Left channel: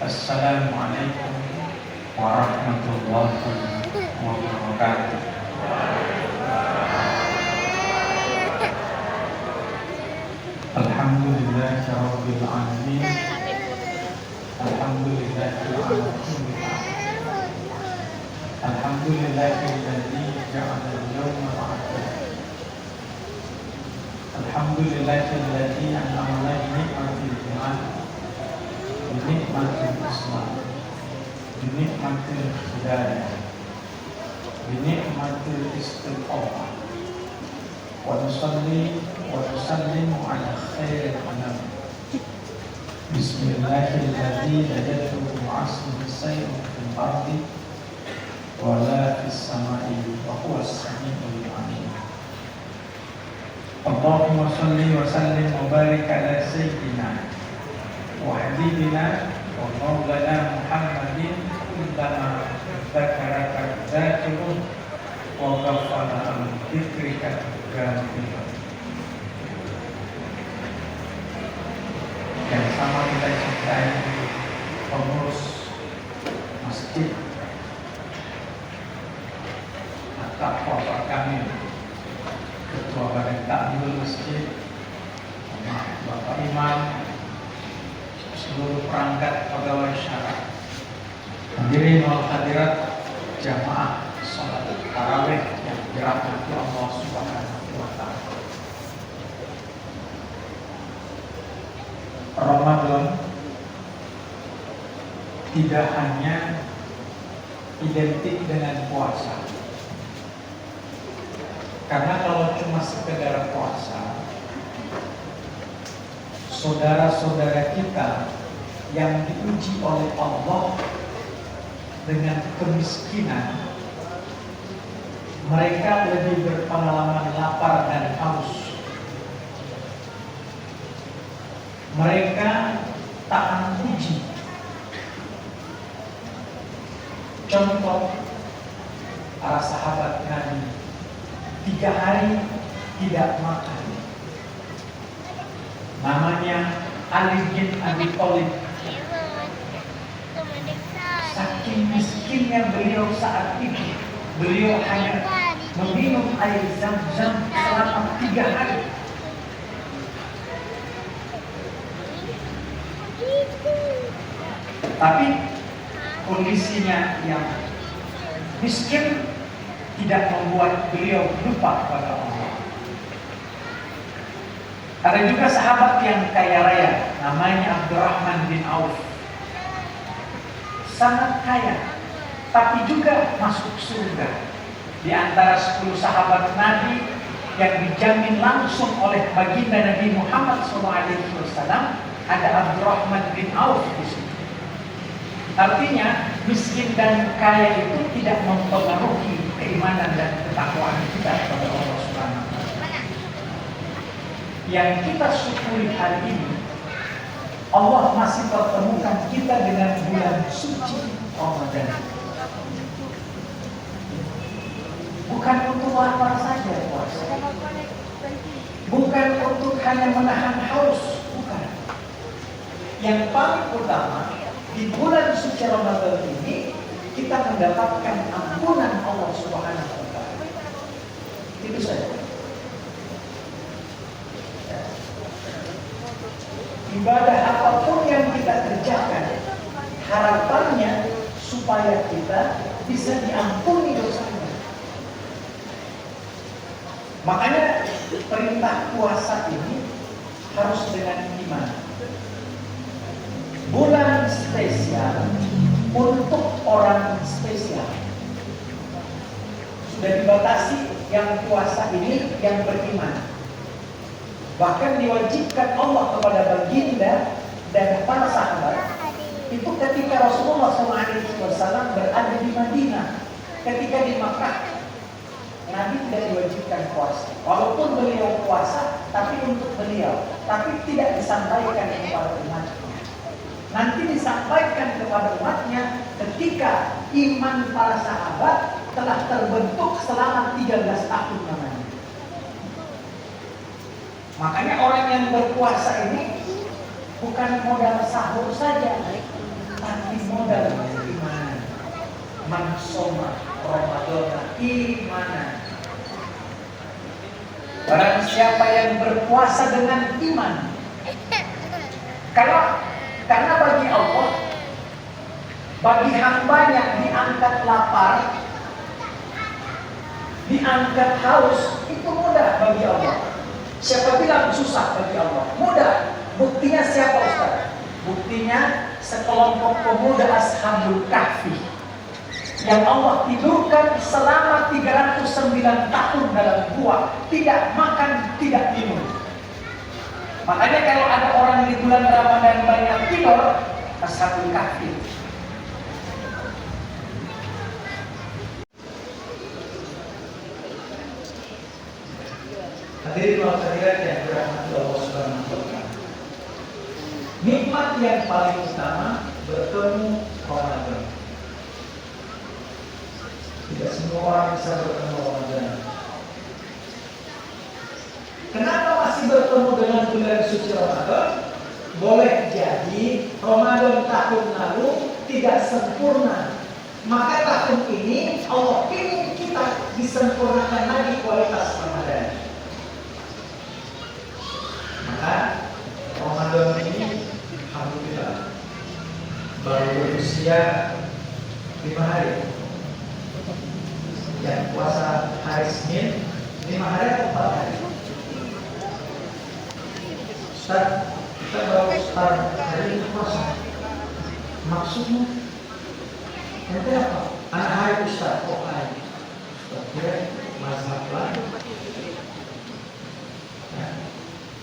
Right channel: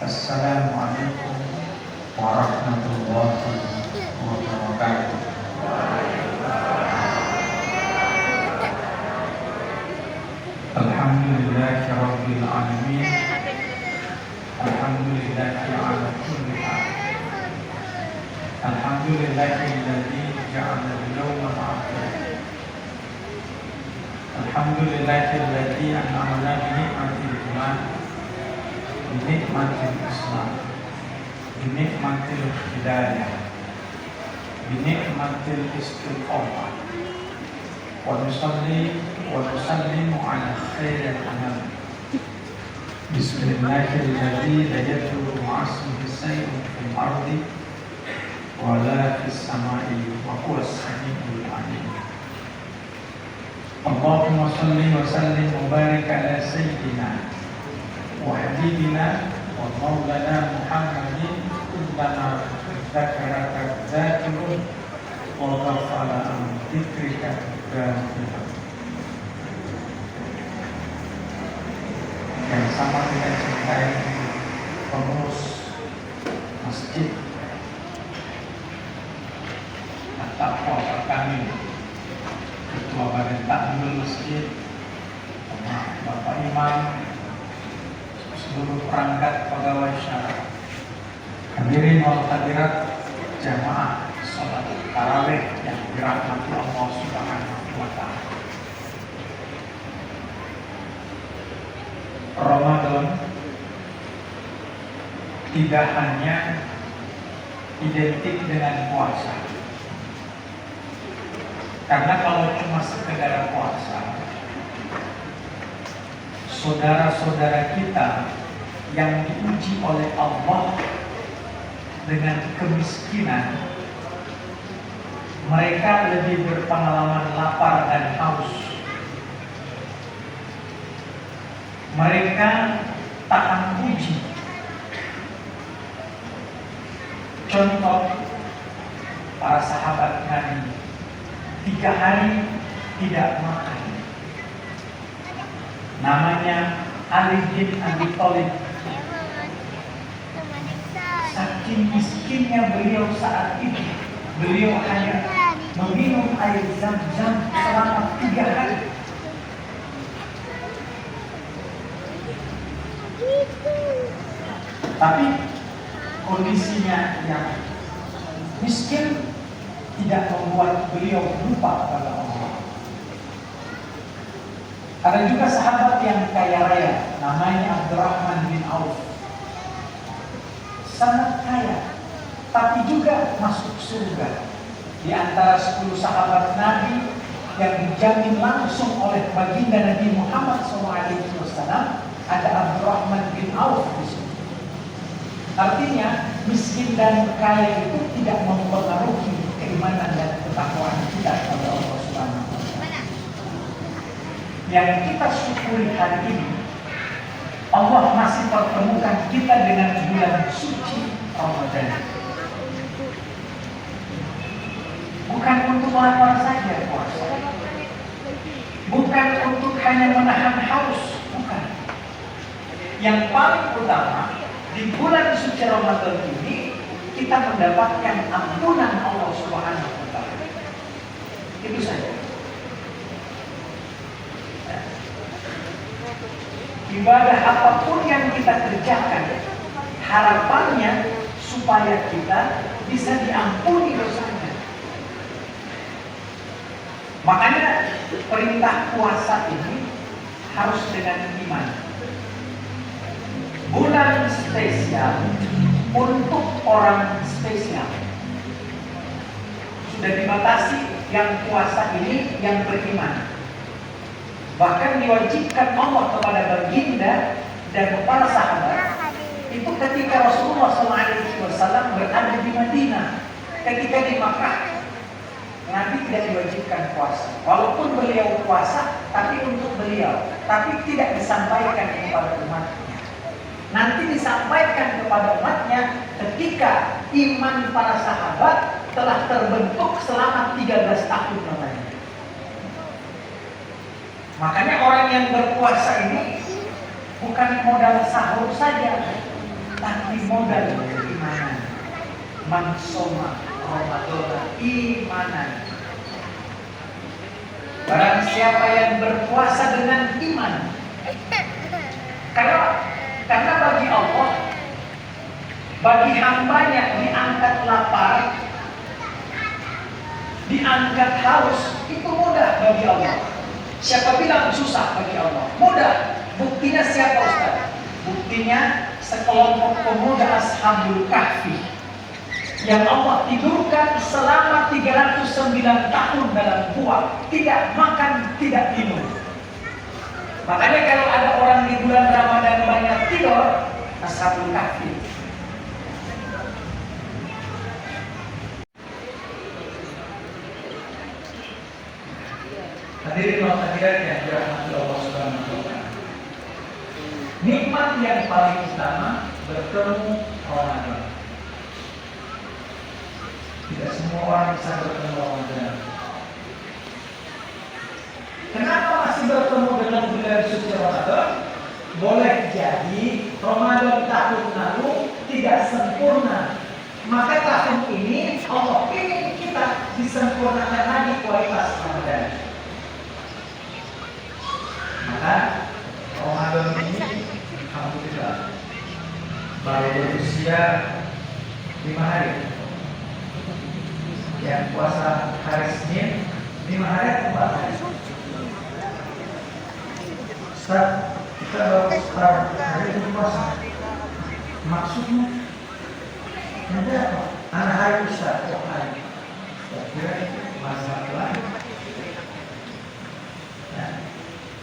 Assalamualaikum warahmatullahi wabarakatuh. Alhamdulillahi rabbil alamin. Alhamdulillahi ala kulli hal. Alhamdulillahi alladzi ja'ala al-yawma al-akhir. Alhamdulillahi alladzi an'ama bi ni'matil iman, bi ni'matil islam, bi ni'matil hidayah, bi ni'matil istiqamah. Wa nusalli wa nusallimu ala khairil anam. Bismillahirrahmanirrahim. La yadurru ma'asmihi shay'un fil ardi wa la fis samai wa huwa as-sami'ul 'alim. Allahumma shalli wa sallim wa barik ala sayyidina wa habibina wa maulana Muhammadin kullama dzakaraka dzakirun wa ghafala an dzikrika ghafilun. Yang sama kita cintai pengurus masjid atau bapak kami, ketua badan takmir masjid, bapak imam, seluruh perangkat pegawai syara, hadirin wal hadirat jamaah salat tarawih yang dirahmati Allah Subhanahu wa taala. Ramadan tidak hanya identik dengan puasa. Karena kalau cuma sekedar puasa, saudara-saudara kita yang diuji oleh Allah dengan kemiskinan, mereka lebih berpengalaman lapar dan haus. Mereka tahan uji. Contoh, para sahabat Nabi 3 hari tidak makan. Namanya Ali bin Abi Thalib. Saking miskinnya beliau saat itu, beliau hanya meminum air Zam-Zam selama 3 hari. Tapi kondisinya yang miskin tidak membuat beliau lupa pada Allah. Ada juga sahabat yang kaya raya, namanya Abdurrahman bin Auf. Sangat kaya, tapi juga masuk surga. Di antara 10 sahabat Nabi yang dijamin langsung oleh baginda Nabi Muhammad SAW, ada Abdurrahman bin Auf di situ. Artinya miskin dan kaya itu tidak mempengaruhi keimanan dan ketakwaan kita kepada Allah Subhanahu wa taala. Yang kita syukuri hari ini, Allah masih pertemukan kita dengan bulan suci Ramadan. Bukan untuk lapar saja puasa, bukan untuk hanya menahan haus, bukan. Yang paling utama, di bulan suci Ramadan ini kita mendapatkan ampunan Allah Subhanahu wa taala. Itu saja. Ibadah apapun yang kita kerjakan, harapannya supaya kita bisa diampuni dosanya. Makanya perintah puasa ini harus dengan iman. Bulan spesial untuk orang spesial. Sudah dibatasi yang puasa ini yang beriman. Bahkan diwajibkan Allah kepada baginda dan para sahabat itu ketika Rasulullah SAW berada di Madinah. Ketika di Makkah, Nabi tidak diwajibkan puasa. Walaupun beliau puasa, tapi untuk beliau, tapi tidak disampaikan kepada umatnya. Nanti disampaikan kepada umatnya ketika iman para sahabat telah terbentuk selama 13 tahun namanya. Makanya orang yang berpuasa ini bukan modal sahur saja, tapi modal iman. Man shoma Ramadan imanan. Barang siapa yang berpuasa dengan iman. Karena bagi Allah, bagi hambanya diangkat lapar, diangkat haus, itu mudah bagi Allah. Siapa bilang susah bagi Allah? Mudah. Buktinya siapa Ustaz? Buktinya sekelompok pemuda Ashabul Kahfi yang Allah tidurkan selama 309 tahun dalam gua, tidak makan, tidak minum. Makanya kalau ada orang di bulan Ramadan banyak tidur, Ashabul Kahfi. Hadirin wa hadirat yang dirahmati Allah Subhanahu wa taala. Nikmat yang paling utama bertemu Ramadan. Tidak semua orang bisa bertemu Ramadan. Kenapa masih bertemu dengan bulan suci Ramadan? Boleh jadi Ramadan tahun lalu tidak sempurna. Maka tahun ini Allah ingin kita disempurnakan lagi kualitas Ramadan. Maka Ramadan ini alhamdulillah baru berusia 5 hari. Yang puasa hari Senin 5 hari atau 4 hari? Ustaz, kita baru start hari ini puasa. Maksudnya nanti apa? Anak hari Ustaz, kok hari? Kira masalah. Ya.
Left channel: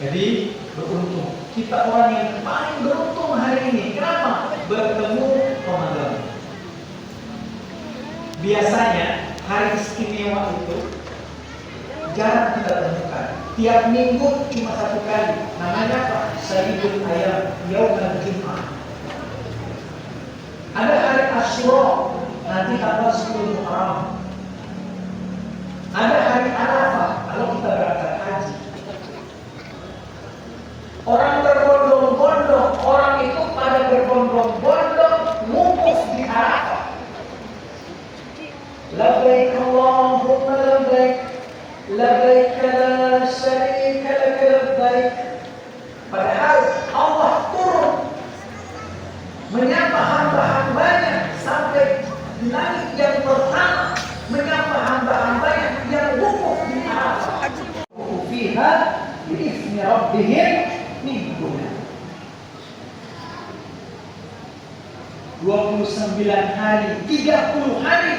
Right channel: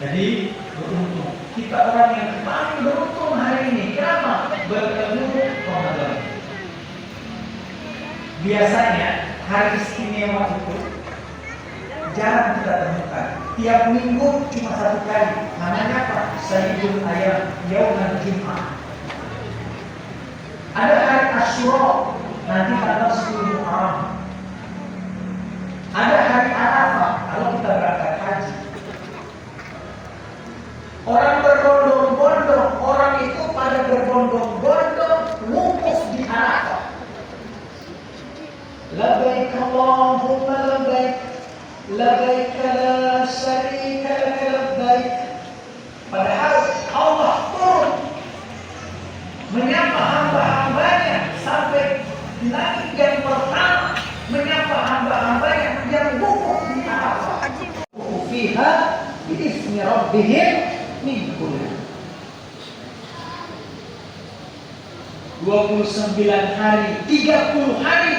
Jadi beruntung. Kita orang yang paling beruntung hari ini. Kenapa? Bertemu Ramadan. Biasanya hari istimewa itu jarang kita temukan. Tiap minggu cuma 1 kali. Namanya apa? Sayyidul Ayam, Yaumul Jumat. Ada hari Asyura, nanti tanggal 10 Muharram. Ada hari Arafah, kalau kita berangkat haji. Orang berbondong-bondong, orang itu pada berbondong-bondong wukuf di Arafah. Labbaik Allahumma labbaik, labbaik la syarika lak labbaik. Padahal Allah turun menyapa hamba-hambanya sampai di langit yang pertama, menyapa hamba-hambanya yang wukuf di Arafah. Fiha bi'ismi rabbihim min kulli 29 hari, 30 hari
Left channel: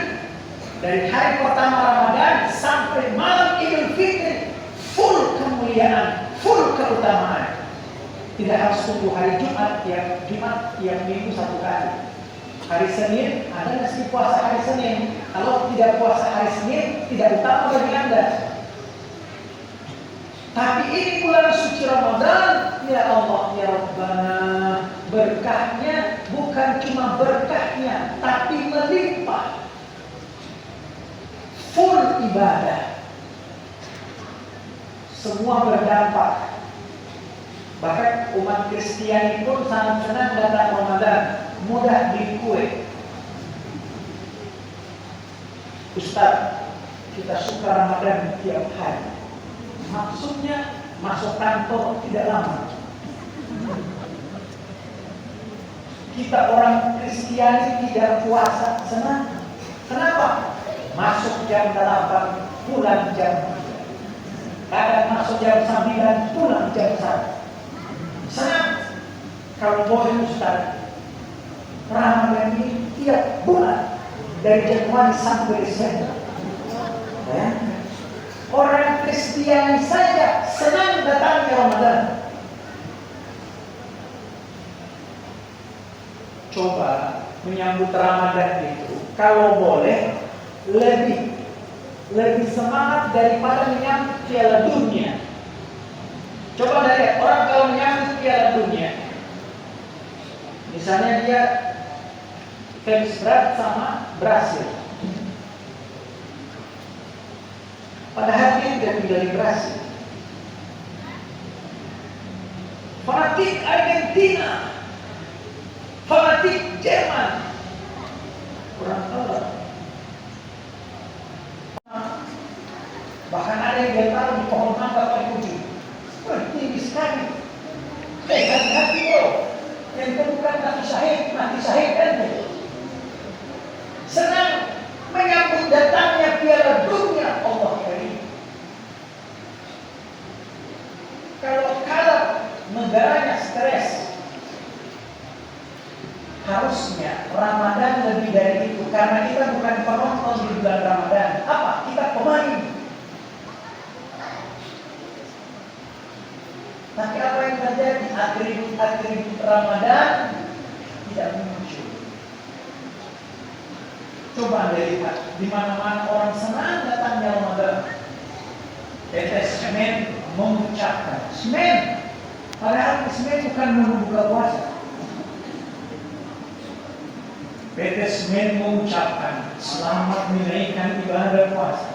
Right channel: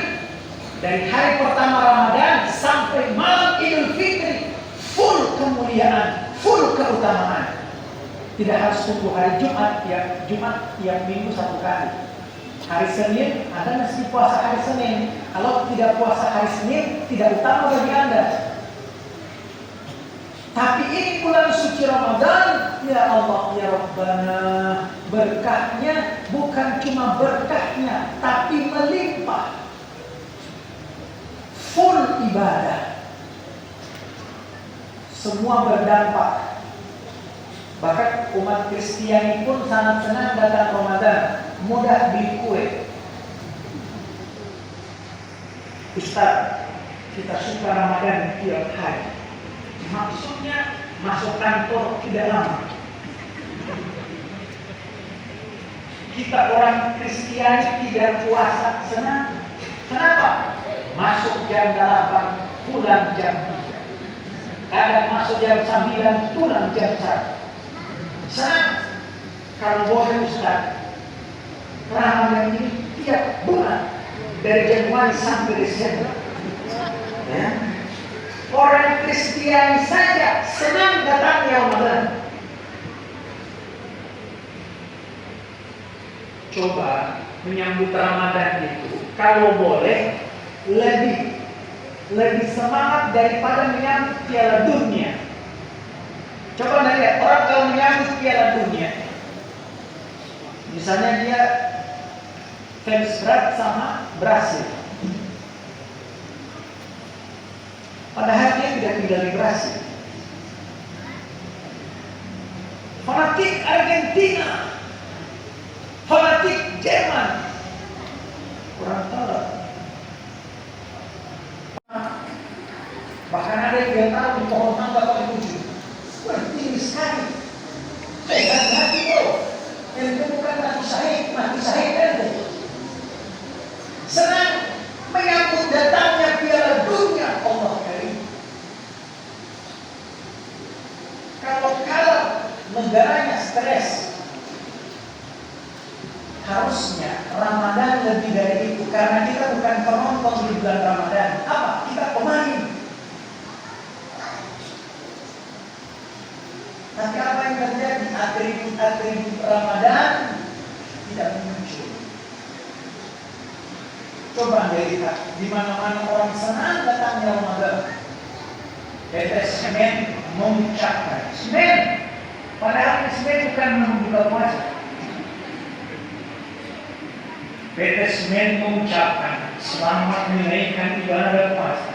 dari hari pertama Ramadan sampai malam Idul Fitri, full kemuliaan, full keutamaan. Tidak harus tunggu hari Jumat yang minggu 1 kali. Hari Senin, Anda mesti puasa hari Senin. Kalau tidak puasa hari Senin, tidak utama bagi Anda. Tapi ini bulan suci Ramadan, ya Allah, ya Rabbana, berkahnya bukan cuma berkahnya, tapi melimpah. Full ibadah. Semua berdampak. Bahkan umat Kristiani pun sangat senang datang Ramadan, mudah beli kue. Ustaz, kita suka Ramadan tiap hari. Maksudnya masuk kantor tidak lama. Kita orang Kristiani tidak puasa senang. Kenapa? Masuk jam 8, pulang jam 3. Kadang masuk jam 9, pulang jam 1. Senang. Kalau boleh Ustaz, Ramadan ini tiap bulan dari Januari sampai Desember. Ya. Orang Kristiani saja senang datangnya Ramadan. Coba menyambut Ramadan itu, kalau boleh lebih semangat daripada menyambut Piala Dunia. Coba lihat orang kalau menyambut Piala Dunia, misalnya dia fans berat sama Brasil, padahal dia tidak tinggal di Brasil. Fanatik Argentina, fanatik Jerman. Kurang tahu. Bahkan ada yang dia tahu pohon mangga paling ujung. Wah, tinggi sekali. Hati-hati bro. Yang itu bukan mati syahid kan? Senang menyambut datangnya Piala Dunia Allah Karim. Kalau negaranya stres, harusnya Ramadan lebih dari itu. Karena kita bukan penonton di bulan Ramadan. Apa? Kita pemain. Tapi apa yang terjadi? Atribut Ramadan tidak muncul. Coba Anda lihat, di mana-mana orang senang datangnya Ramadan. Semen mengucapkan semen, padahal semen bukan membuka puasa. Semen mengucapkan selamat menunaikan ibadah puasa.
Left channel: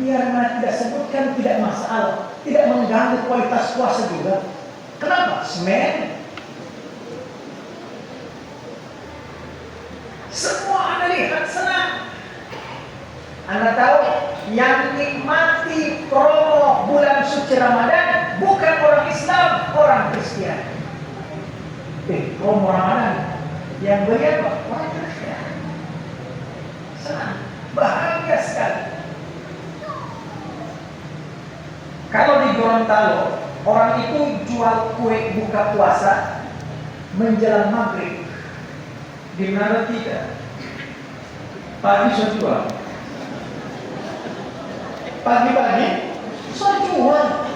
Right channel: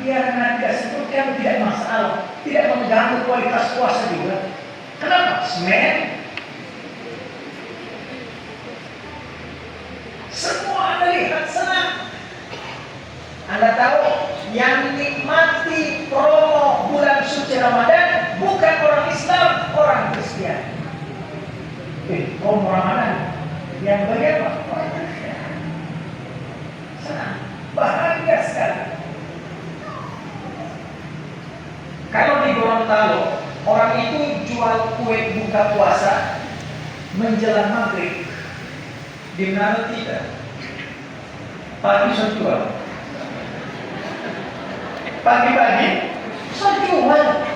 Biar tidak sebutkan tidak masalah, tidak mengganggu kualitas puasa juga. Kenapa? Semen. Semua Anda lihat senang. Anda tahu yang nikmati promo bulan suci Ramadan bukan orang Islam, orang Kristen. Promo Ramadan yang beli apa? Orang Kristen. Senang, bahagia sekali. Kalau di Gorontalo, orang itu jual kue buka puasa menjelang maghrib. Di mana tidak? Tadi saya jual. Pagi-pagi saya jual.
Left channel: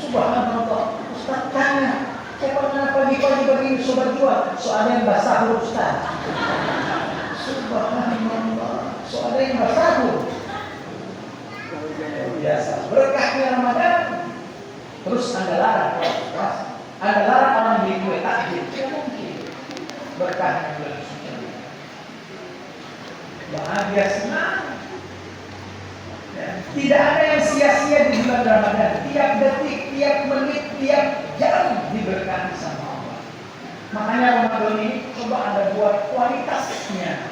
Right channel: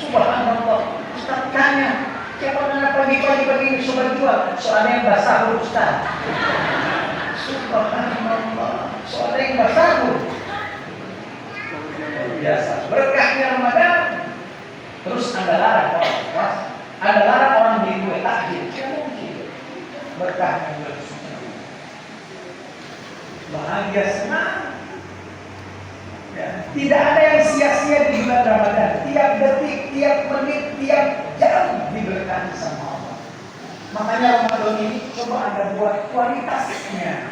Subhanallah. Ustaz tanya, siapa mana pagi-pagi begini sudah jual? Soalnya yang basah Ustaz. Subhanallah. Soalnya yang basah biasa. Berkahnya Ramadan. Terus Anda larang orang puasa. Anda larang orang beli kue takjil. Tidak mungkin. Berkahnya bulan suci. Bahagia senang. Ya. Tidak ada yang sia-sia di bulan Ramadan. Tiap detik, tiap menit, tiap jam diberkati sama Allah. Makanya Ramadan ini coba Anda buat kualitasnya.